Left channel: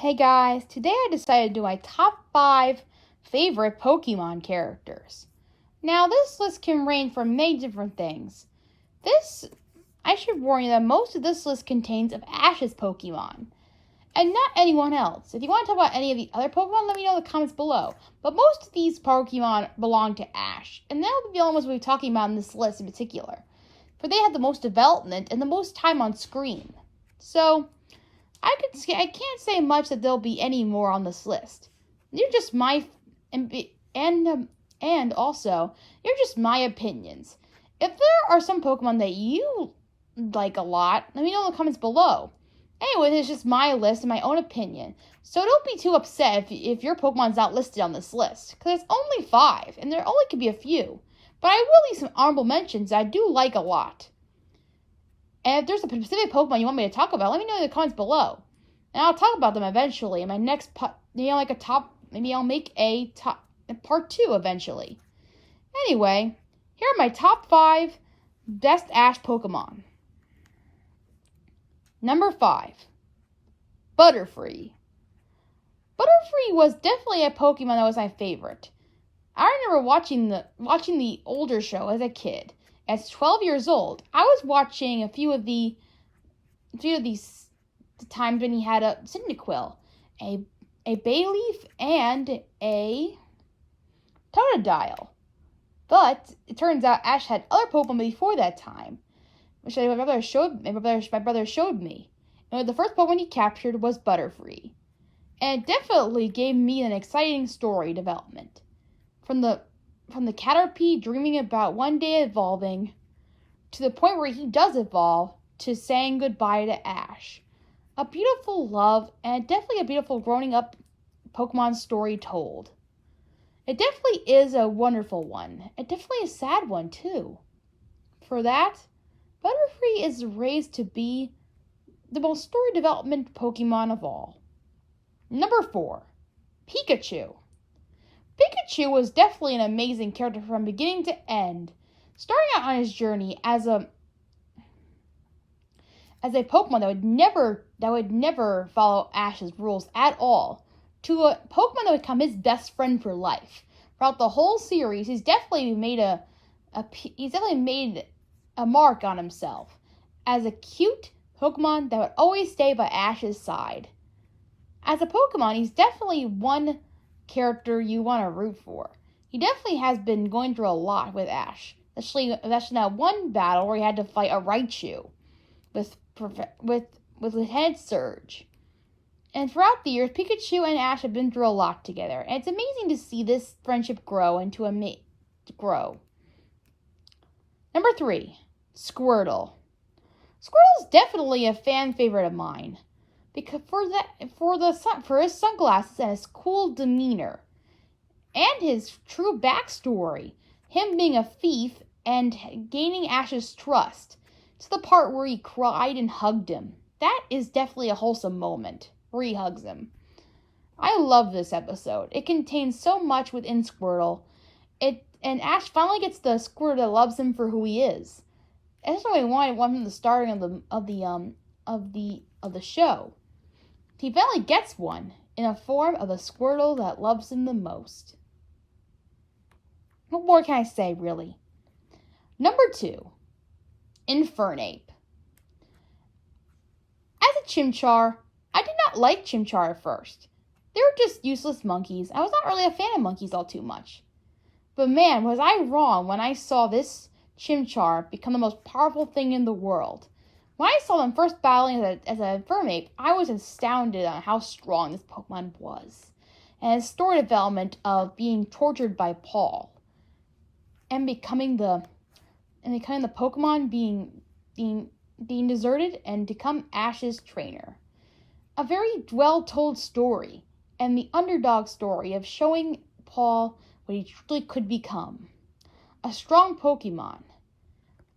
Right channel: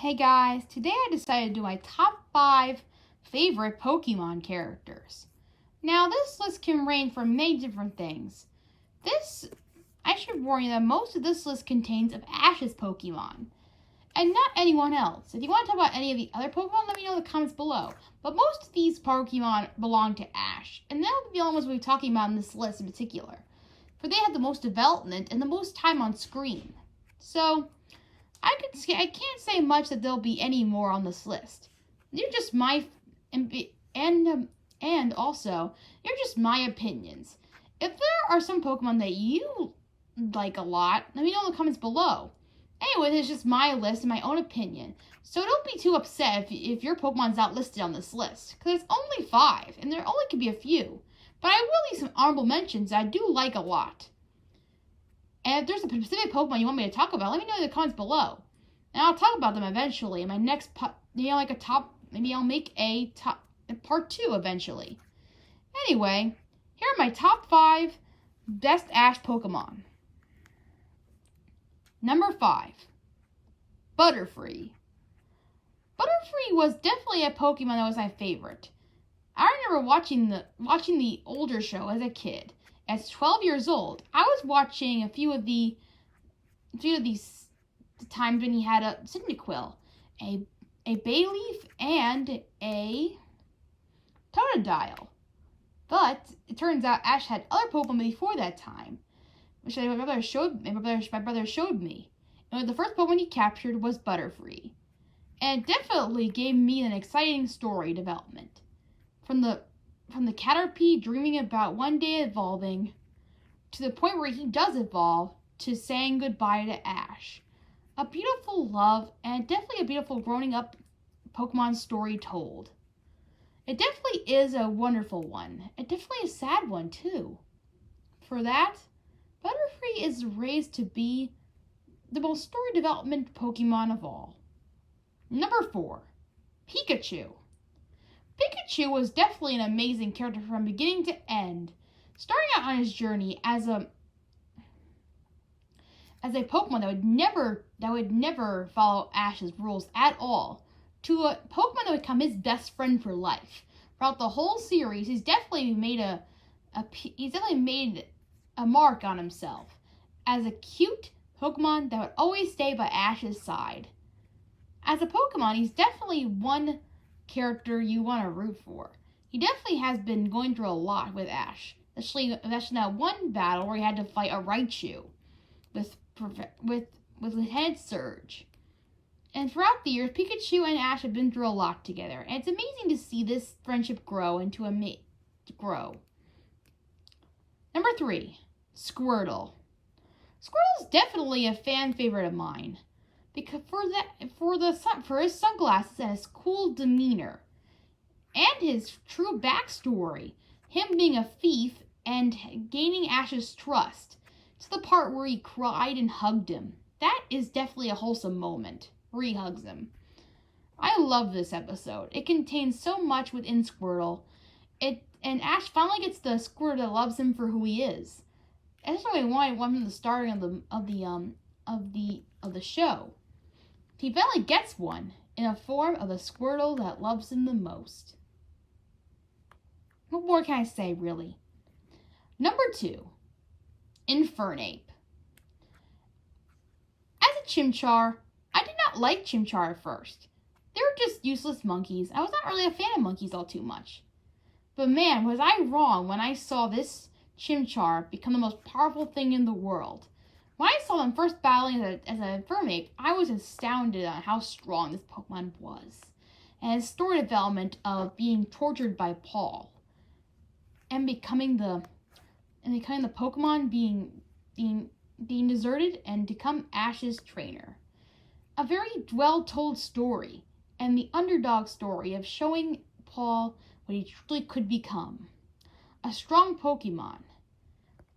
Hey guys, today I decided to do my top 5 favorite Pokemon characters. Now, this list can range from many different things. I should warn you that most of this list contains of Ash's Pokemon, and not anyone else. If you want to talk about any of the other Pokemon, let me know in the comments below. But most of these Pokemon belong to Ash, and they'll be the only ones we'll be talking about in this list in particular, for they have the most development and the most time on screen. So, I can't say much that there'll be any more on this list. They're just my and also they're just my opinions. If there are some Pokemon that you like a lot, let me know in the comments below. Anyway, it's just my list and my own opinion. So don't be too upset if your Pokemon's not listed on this list, because it's only 5, and there only could be a few. But I will leave some honorable mentions that I do like a lot. And if there's a specific Pokemon you want me to talk about, let me know in the comments below. And I'll talk about them eventually in my next, maybe I'll make a part 2 eventually. Anyway, here are my top 5 best Ash Pokemon. Number 5, Butterfree. Butterfree was definitely a Pokemon that was my favorite. I remember watching the older show as a kid. At 12 years old, I was watching a few of these times when he had a Cyndaquil, a Bayleaf, and a Totodile. But it turns out Ash had other Pokemon before that time, which my brother showed me. And the first Pokemon he captured was Butterfree, and it definitely gave me an exciting story development. From the Caterpie dreaming about one day evolving, to the point where he does evolve, to saying goodbye to Ash. A beautiful love, and definitely a beautiful growing up Pokemon story told. It definitely is a wonderful one. It definitely a sad one too. For that, Butterfree is raised to be the most story development Pokemon of all. Number 4, Pikachu. Pikachu was definitely an amazing character from beginning to end, starting out on his journey as a Pokemon that would never follow Ash's rules at all, to a Pokemon that would become his best friend for life. Throughout the whole series, he's definitely made a mark on himself as a cute Pokemon that would always stay by Ash's side. As a Pokemon, he's definitely one character you want to root for. He definitely has been going through a lot with Ash, especially that one battle where he had to fight a Raichu with Lieutenant Surge. And throughout the years, Pikachu and Ash have been through a lot together, and it's amazing to see this friendship grow into grow. Number 3, Squirtle. Squirtle is definitely a fan favorite of mine, because for his sunglasses and his cool demeanor, and his true backstory, him being a thief and gaining Ash's trust, to the part where he cried and hugged him. That is definitely a wholesome moment where he hugs him. I love this episode. It contains so much within Squirtle. And Ash finally gets the Squirtle that loves him for who he is. And that's what I wanted from the starting of the show. He finally gets one in a form of the Squirtle that loves him the most. What more can I say, really? Number 2, Infernape. As a Chimchar, I did not like Chimchar at first. They were just useless monkeys. I was not really a fan of monkeys all too much. But man, was I wrong when I saw this Chimchar become the most powerful thing in the world. When I saw them first battling as an Infernape, I was astounded on how strong this Pokemon was, and its story development of being tortured by Paul, and becoming the Pokemon being deserted and become Ash's trainer. A very well-told story, and the underdog story of showing Paul what he truly could become. A strong Pokemon.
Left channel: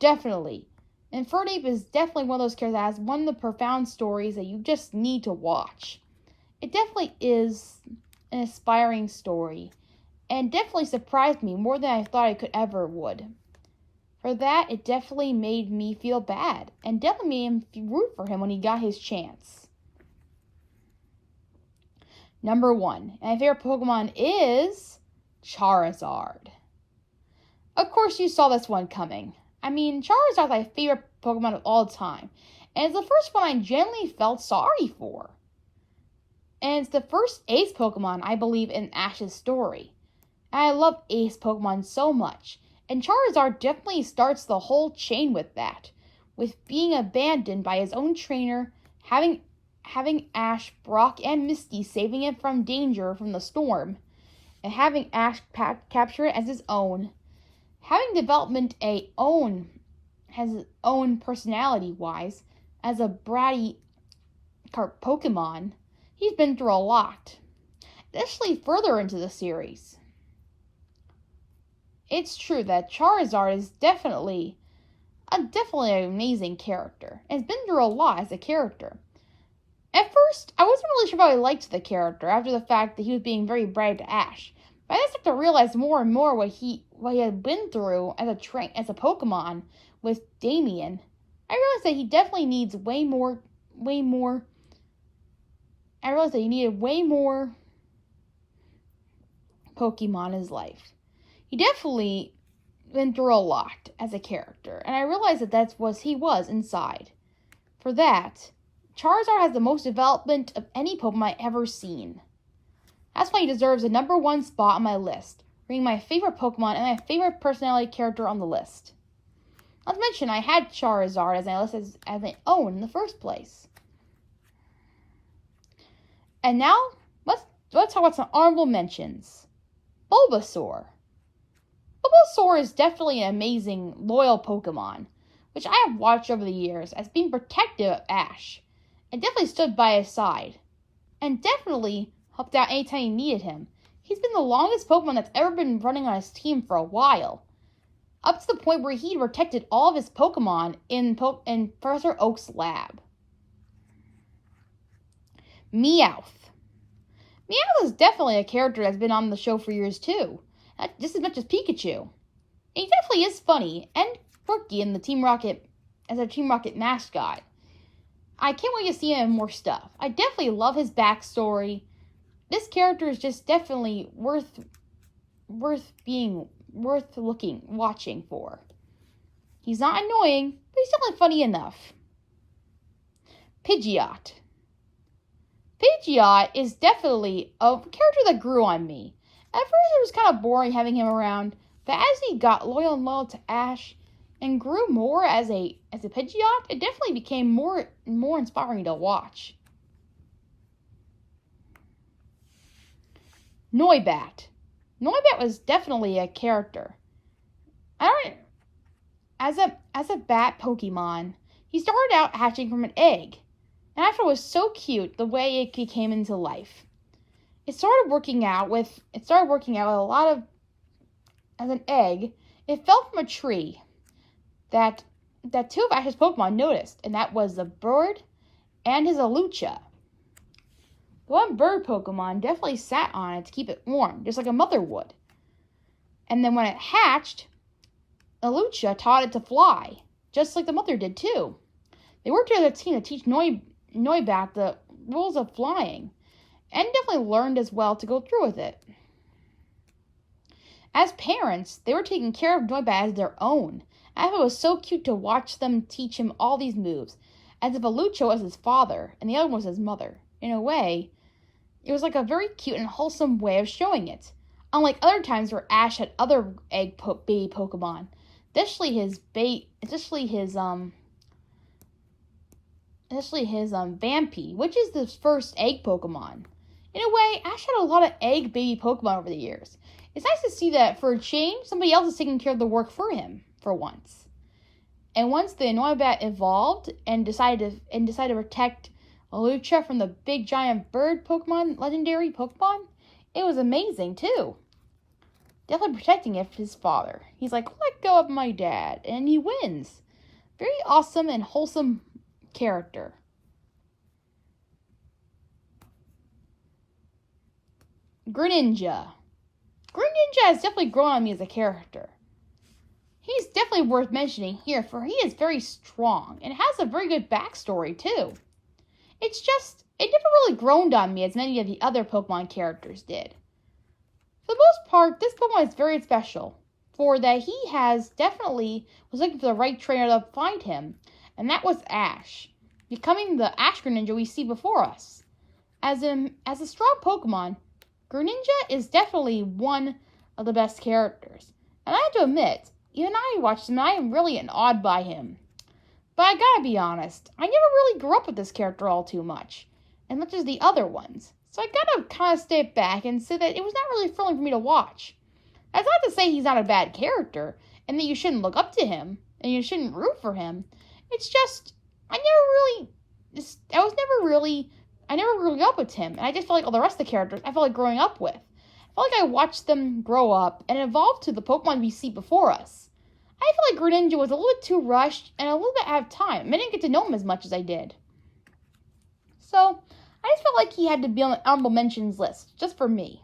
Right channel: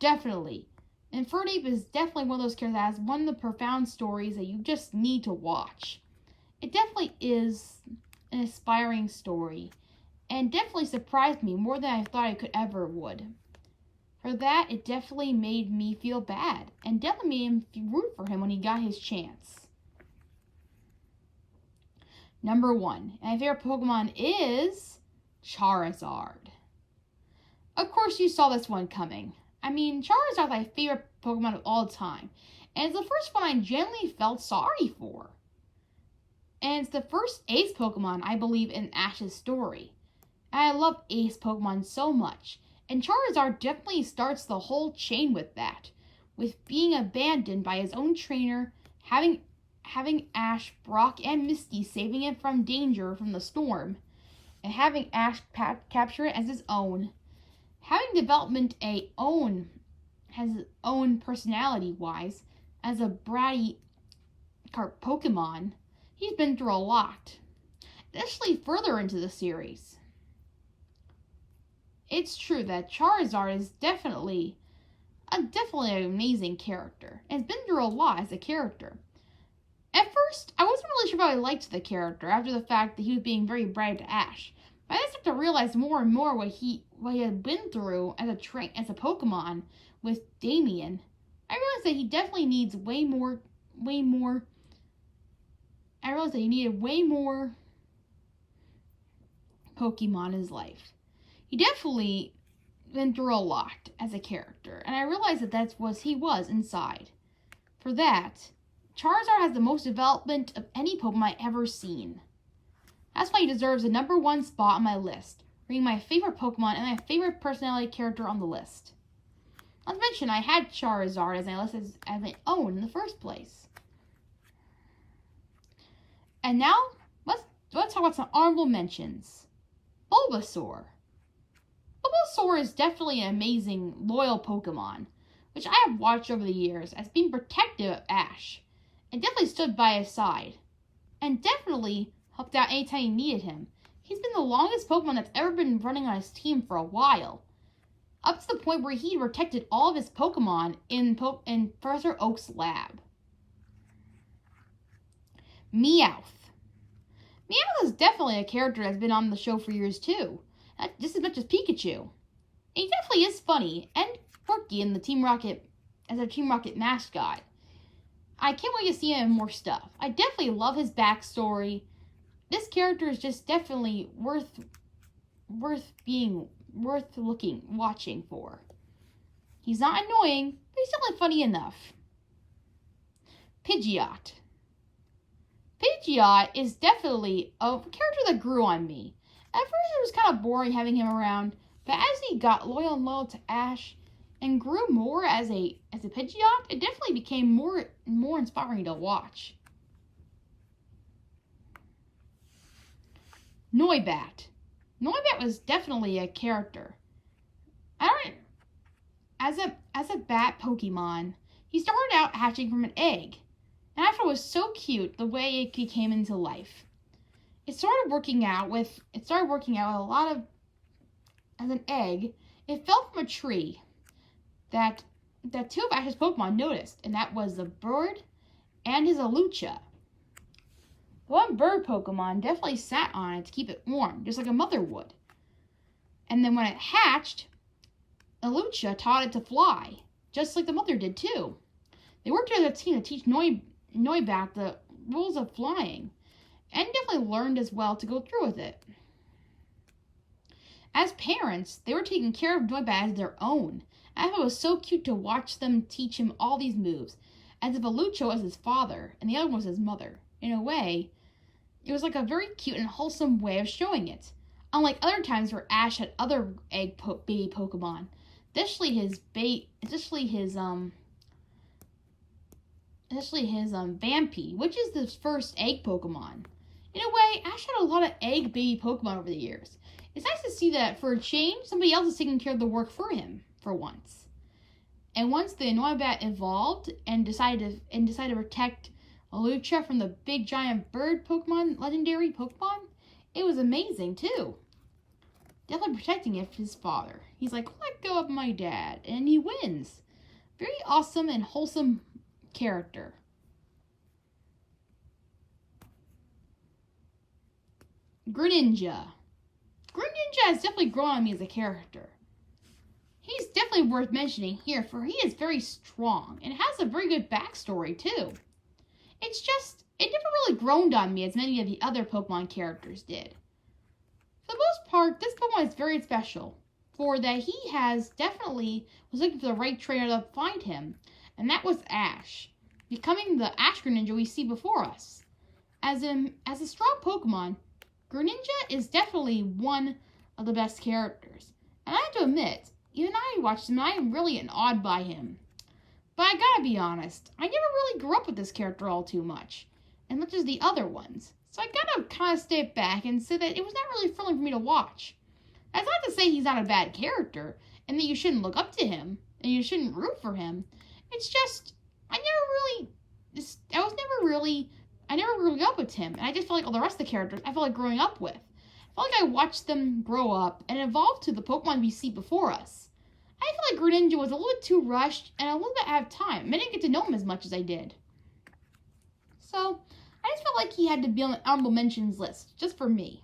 Definitely. Infernape is definitely one of those characters that has one of the profound stories that you just need to watch. It definitely is an inspiring story, and definitely surprised me more than I thought it could ever would. For that, it definitely made me feel bad, and definitely made me root for him when he got his chance. Number 1, and my favorite Pokemon is Charizard. Of course, you saw this one coming. I mean, Charizard is my favorite Pokemon of all time, and it's the first one I genuinely felt sorry for. And it's the first Ace Pokemon, I believe, in Ash's story. And I love Ace Pokemon so much, and Charizard definitely starts the whole chain with that, with being abandoned by his own trainer, having Ash, Brock, and Misty saving it from danger from the storm, and having Ash capture it as his own. Having development has his own personality-wise, as a bratty Pokemon, he's been through a lot, especially further into the series. It's true that Charizard is definitely an amazing character, and has been through a lot as a character. At first, I wasn't really sure if I liked the character after the fact that he was being very bratty to Ash. But I started to realize more and more what he had been through as a Pokemon with Damien. I realized that he definitely needs way more. I realized that he needed way more Pokemon in his life. He definitely been through a lot as a character, and I realized that that's what he was inside. For that, Charizard has the most development of any Pokemon I've ever seen. That's why he deserves a number 1 spot on my list, being my favorite Pokemon and my favorite personality character on the list. Not to mention, I had Charizard as my list as my own in the first place. And now, let's talk about some honorable mentions. Bulbasaur. Bulbasaur is definitely an amazing, loyal Pokemon, which I have watched over the years as being protective of Ash, and definitely stood by his side, and definitely helped out anytime he needed him. He's been the longest Pokemon that's ever been running on his team for a while, up to the point where he protected all of his Pokemon in Professor Oak's lab. Meowth. Meowth is definitely a character that's been on the show for years too, just as much as Pikachu. And he definitely is funny and quirky in the Team Rocket as a Team Rocket mascot. I can't wait to see him in more stuff. I definitely love his backstory. This character is just definitely worth watching for. He's not annoying, but he's definitely funny enough. Pidgeot. Pidgeot is definitely a character that grew on me. At first it was kind of boring having him around, but as he got loyal to Ash and grew more as a Pidgeot, it definitely became more inspiring to watch. Noibat. Noibat was definitely a character. As a bat Pokemon, he started out hatching from an egg, and I thought it was so cute the way it came into life. It started working out with a lot of, as an egg, it fell from a tree that 2 of Ash's Pokemon noticed, and that was the bird and his Alucha. The one bird Pokemon definitely sat on it to keep it warm, just like a mother would. And then when it hatched, Alucha taught it to fly, just like the mother did too. They worked as a team to teach Noibat the rules of flying, and definitely learned as well to go through with it. As parents, they were taking care of Noibat as their own. I thought it was so cute to watch them teach him all these moves, as if Alucha was his father and the other one was his mother. In a way, it was like a very cute and wholesome way of showing it. Unlike other times where Ash had other baby Pokemon, especially his Vampy, which is the first egg Pokemon. In a way, Ash had a lot of egg baby Pokemon over the years. It's nice to see that for a change, somebody else is taking care of the work for him for once. And once the Noibat evolved and decided to protect Alucha from the big giant bird Pokemon, legendary Pokemon, it was amazing too. Definitely protecting it for his father. He's like, let go of my dad, and he wins. Very awesome and wholesome character. Greninja. Greninja has definitely grown on me as a character. He's definitely worth mentioning here, for he is very strong and has a very good backstory too. It's just it never really grown on me as many of the other Pokemon characters did. For the most part, this Pokemon is very special, for that he was looking for the right trainer to find him, and that was Ash, becoming the Ash Greninja we see before us. As a strong Pokemon, Greninja is definitely one of the best characters, and I have to admit, even I watched him and I am really awed by him. But I gotta be honest, I never really grew up with this character all too much as the other ones. So I gotta kind of step back and say that it was not really thrilling for me to watch. That's not to say he's not a bad character, and that you shouldn't look up to him, and you shouldn't root for him. It's just, I never really grew up with him, and I just felt like all the rest of the characters I felt like growing up with. I felt like I watched them grow up and evolve to the Pokemon we see before us. I feel like Greninja was a little bit too rushed and a little bit out of time. I didn't get to know him as much as I did. So, I just felt like he had to be on the honorable mentions list, just for me.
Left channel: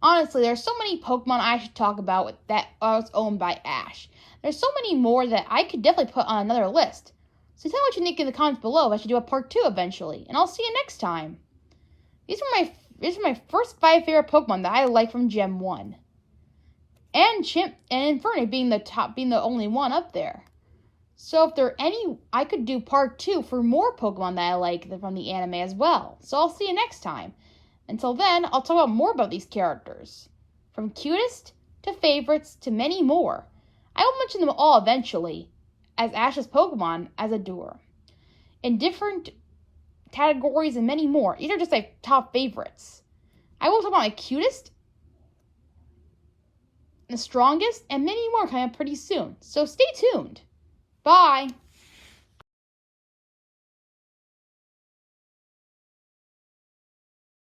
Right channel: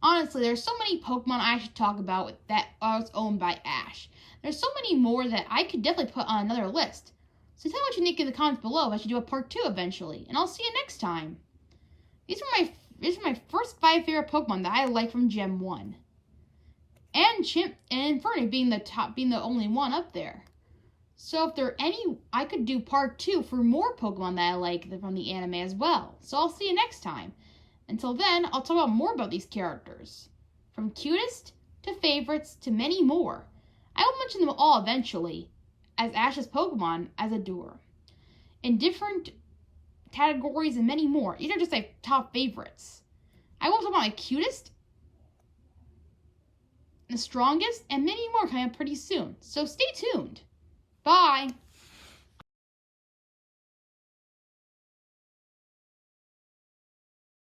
Honestly, there's so many Pokemon I should talk about that was owned by Ash. There's so many more that I could definitely put on another list. So tell me what you think in the comments below if I should do a part 2 eventually, and I'll see you next time. These are my first 5 favorite Pokemon that I like from Gen 1. And Chimp and Inferno being the only one up there. So if there are any, I could do part 2 for more Pokemon that I like from the anime as well. So I'll see you next time. Until then, I'll talk more about these characters. From cutest to favorites to many more. I will mention them all eventually as Ash's Pokemon as a doer. In different categories and many more. These are just like top favorites. I will talk about my cutest, the strongest, and many more coming up pretty soon. So stay tuned. Bye!